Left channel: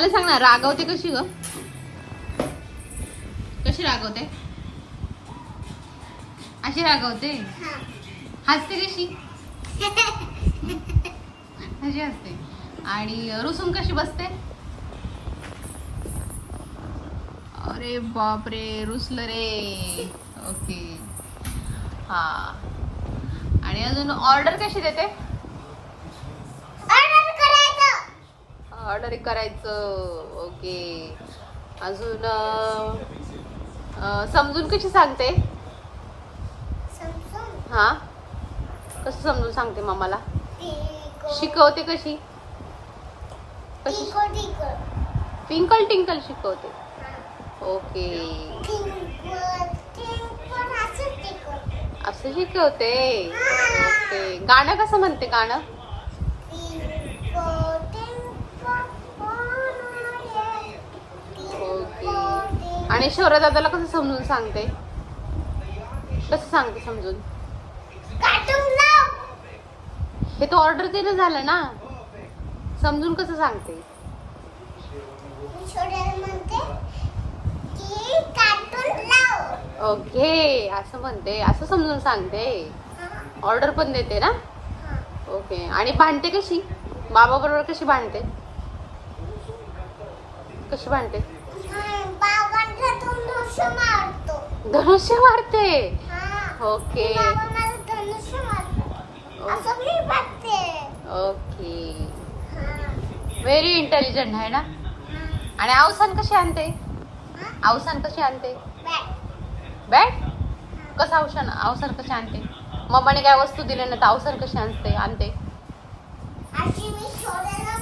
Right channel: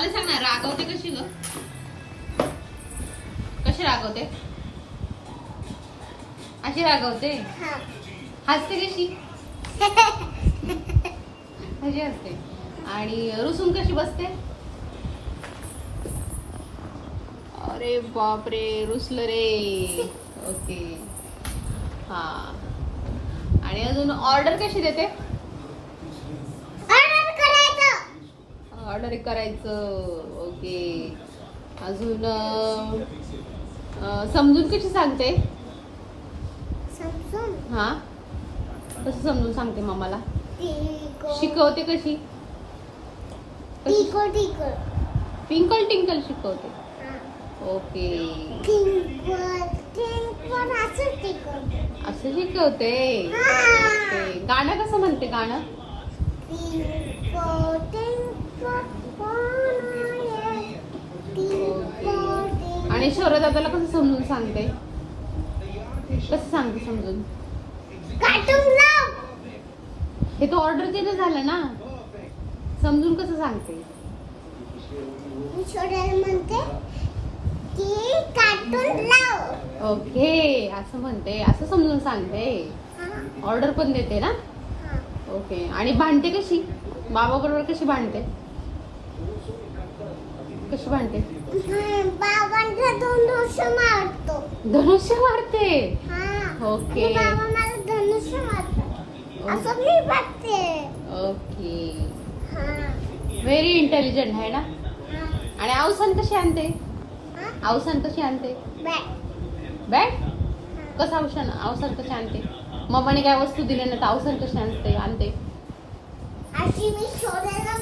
मला सांग ना, रागवते कशी ग? कशी रागवते? अशी रागवते? हसते कशी? कशी हसते? आणि रुसून कशी बसते? अरे बापरे, रुसलं रे. ओके. हा. आणि अजून ऑर्डर कशी देते? ऑर्डर करायचं. ओके. अजून समजून कशी सांगते? हा, कसं समजून सांगते मामाला? शिकवते कशी? ट्विंकल टिंकल शिकवते. ओके. असं शिकवते. ओके. गाणं कसं म्हणते? गाणं आणि शौर्य दादाला कसं समजून सांगते? कसं सांगते समजून? हे तो ऑर्डर दिलं झालं ना, समजून कसं सांगते? ओके, असं म्हणते, असं समजून सांगते. ऑर्डर पण देते ना. ओके. आणि भांडते कशी? बाबा बरोबर कशी भांडते? कशी भांडते? बाबांना धनुष्य मारतो. धनुष्य मारते. ओके. बाबा मला धनुष्य मारतात असं मी बघते. ओके. व्हेरी इंटेलिजंट आहे ना. आणि अवसान कशी आणते? अवसान कशी आणते? बॅट. कसं अवसान कशी आणते? मम्माने काय वस्तू दिली ना, तर अवसान कशी आणते? अशी मी शोधायला